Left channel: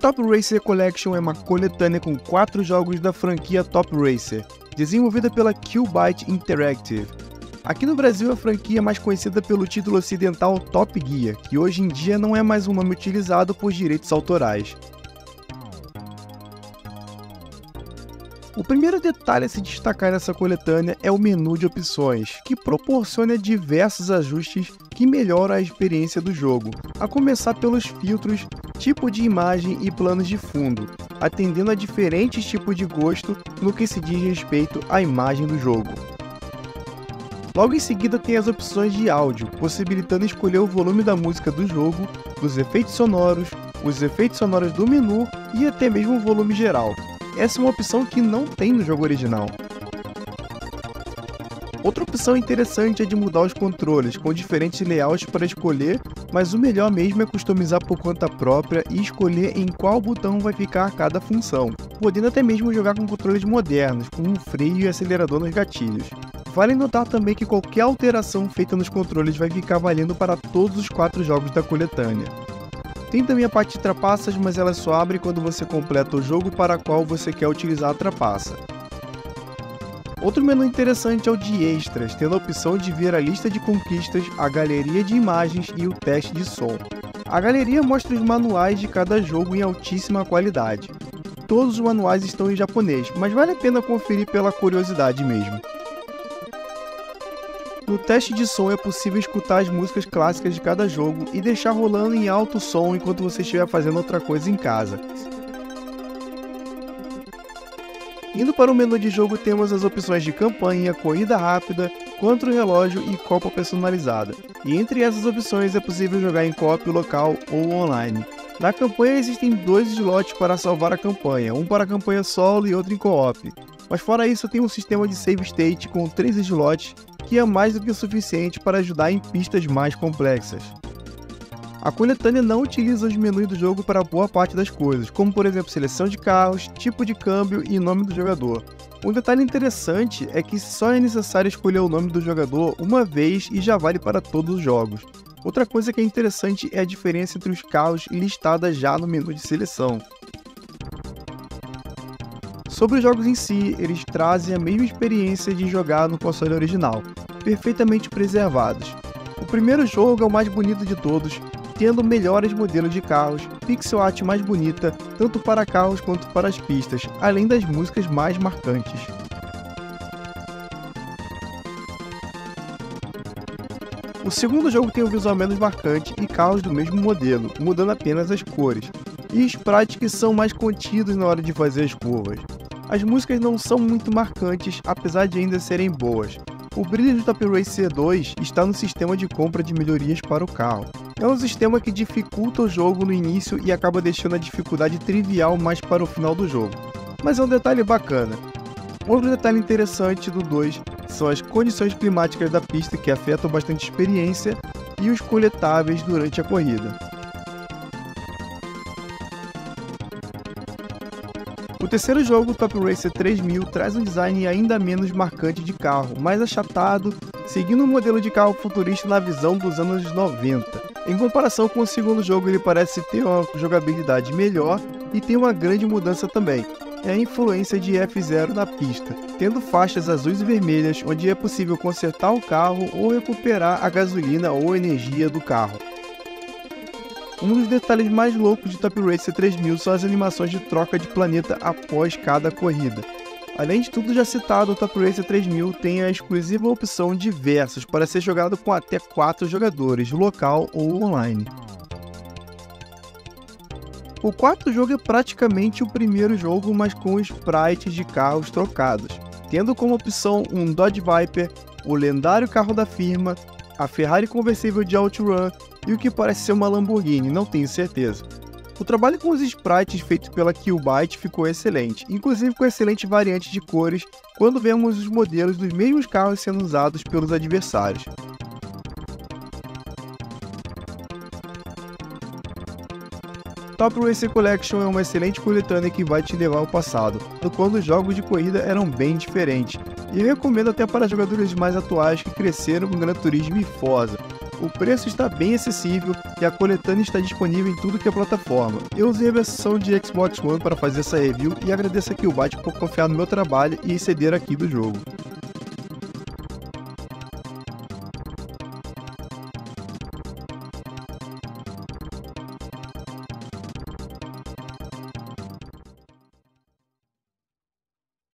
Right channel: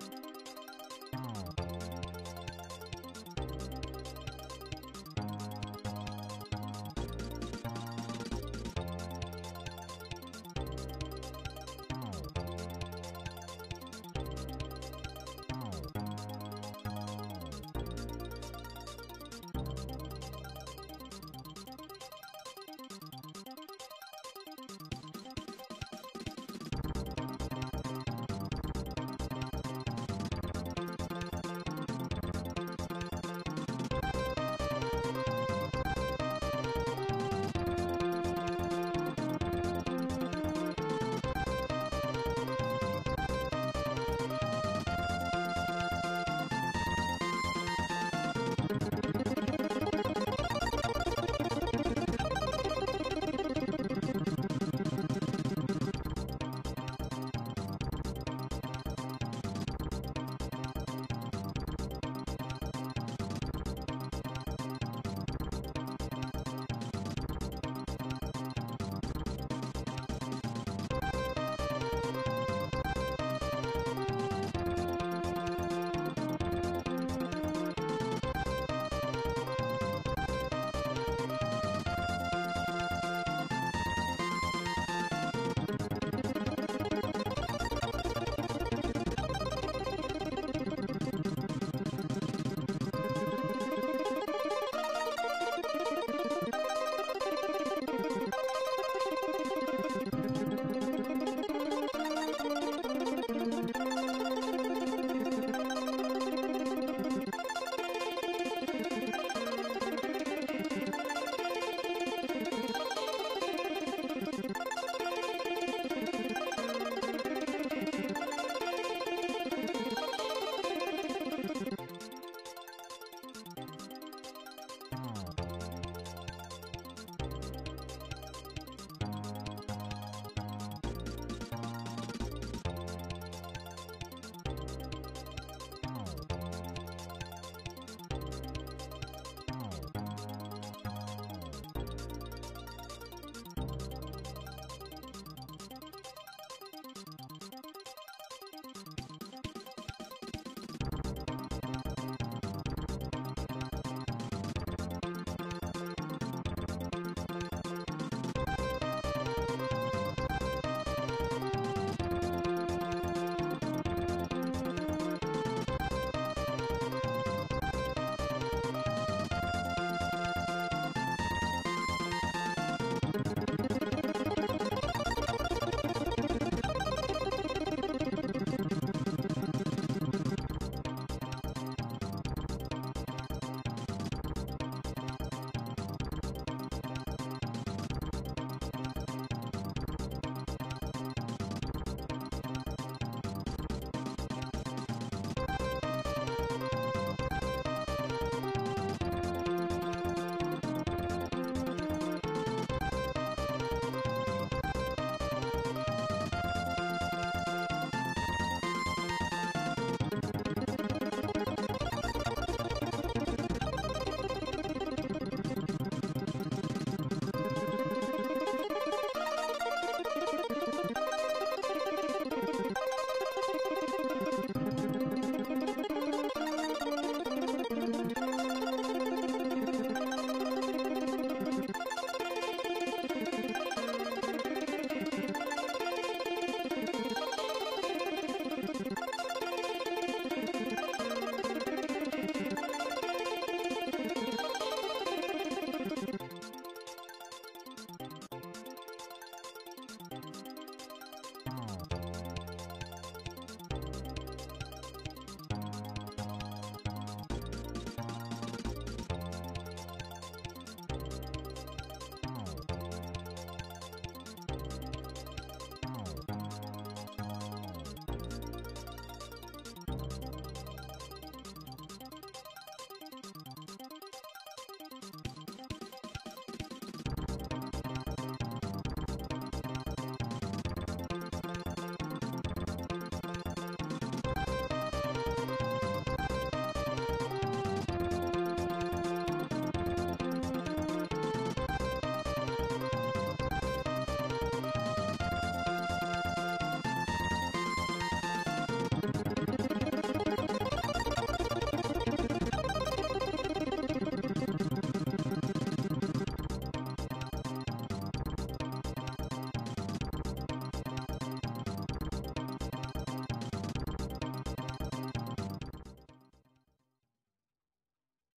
Top Racer Collection é uma coletânea com 4 jogos da franquia Top Racer, desenvolvida pela Q-Byte Interactive. Aqui no Brasil, a franquia é mais conhecida pelo título ocidental Top Gear, que hoje em dia não é mais um nome utilizado por direitos autorais. O primeiro detalhe a se destacar nessa coletânea é o menu de opções, que proporciona diversos ajustes que melhoram a experiência do jogo, a começar pelos filtros, tipo de imagem e planos de fundo, atendendo a diferentes tipos de gosto no que se diz respeito à imagem do jogo. Logo em seguida tem as opções de áudio, possibilitando escolher o volume da música do jogo, os efeitos sonoros do menu e até mesmo o volume geral. Essa é uma opção que não tem no jogo original. Outra opção interessante é de mudar os controles, com diferentes layouts para escolher, mas o melhor mesmo é customizar por conta própria e escolher em qual botão vai ficar cada função, podendo até mesmo jogar com controles modernos, com um freio e acelerador nos gatilhos. Vale notar também que qualquer alteração feita nos controles vai ficar valendo para todos os 4 jogos da coletânea. Tem também a parte de trapaças, mas ela só abre quando você completa o jogo para qual você quer utilizar a trapaça. Outro menu interessante é o de extras, tendo a opção de ver a lista de conquistas, a galeria de imagens e o teste de som. A galeria mostra os manuais de cada jogo em altíssima qualidade. Todos os manuais estão em japonês, mas vale a pena conferir pela curiosidade mesmo. No teste de som é possível escutar as músicas clássicas de cada jogo e deixar rolando em alto som enquanto você estiver fazendo outra coisa em casa. Indo para o menu de jogo temos as opções de campanha, corrida rápida, contra-relógio e copa personalizada. E entre essas opções é possível jogar em co-op local ou online. Na campanha existem 2 slots para salvar a campanha, um para a campanha solo e outro em co-op. Mas fora isso tem um sistema de save state com 3 slots, que é mais do que o suficiente para ajudar em pistas mais complexas. A coletânea não utiliza os menus do jogo para boa parte das coisas, como por exemplo seleção de carros, tipo de câmbio e nome do jogador. Um detalhe interessante é que só é necessário escolher o nome do jogador uma vez e já vale para todos os jogos. Outra coisa que é interessante é a diferença entre os carros listadas já no menu de seleção. Sobre os jogos em si, eles trazem a mesma experiência de jogar no console original, perfeitamente preservados. O primeiro jogo é o mais bonito de todos, tendo melhores modelos de carros, pixel art mais bonita, tanto para carros quanto para as pistas, além das músicas mais marcantes. O segundo jogo tem um visual menos marcante e carros do mesmo modelo, mudando apenas as cores, e sprites que são mais contidos na hora de fazer as curvas. As músicas não são muito marcantes, apesar de ainda serem boas. O brilho do Top Racer 2 está no sistema de compra de melhorias para o carro. É um sistema que dificulta o jogo no início e acaba deixando a dificuldade trivial mais para o final do jogo. Mas é um detalhe bacana. Outro detalhe interessante do 2 são as condições climáticas da pista que afetam bastante a experiência e os coletáveis durante a corrida. O terceiro jogo, Top Racer 3000, traz um design ainda menos marcante de carro, mais achatado, seguindo um modelo de carro futurista na visão dos anos 90. Em comparação com o segundo jogo, ele parece ter uma jogabilidade melhor e tem uma grande mudança também, é a influência de F0 na pista, tendo faixas azuis e vermelhas onde é possível consertar o carro ou recuperar a gasolina ou energia do carro. Um dos detalhes mais loucos de Top Racer 3000 são as animações de troca de planeta após cada corrida. Além de tudo já citado, o Top Racer 3000 tem a exclusiva opção de versus para ser jogado com até 4 jogadores, local ou online. O quarto jogo é praticamente o primeiro jogo, mas com sprites de carros trocados, tendo como opção um Dodge Viper, o lendário carro da firma, a Ferrari conversível de OutRun e o que parece ser uma Lamborghini, não tenho certeza. O trabalho com os sprites feito pela Q-Byte ficou excelente, inclusive com excelente variante de cores quando vemos os modelos dos mesmos carros sendo usados pelos adversários. Top Racer Collection é uma excelente coletânea que vai te levar ao passado, quando os jogos de corrida eram bem diferentes, e eu recomendo até para jogadores mais atuais que cresceram com Gran Turismo e Forza. O preço está bem acessível e a coletânea está disponível em tudo que é plataforma. Eu usei a versão de Xbox One para fazer essa review e agradeço aqui o Byte por confiar no meu trabalho e ceder aqui do jogo.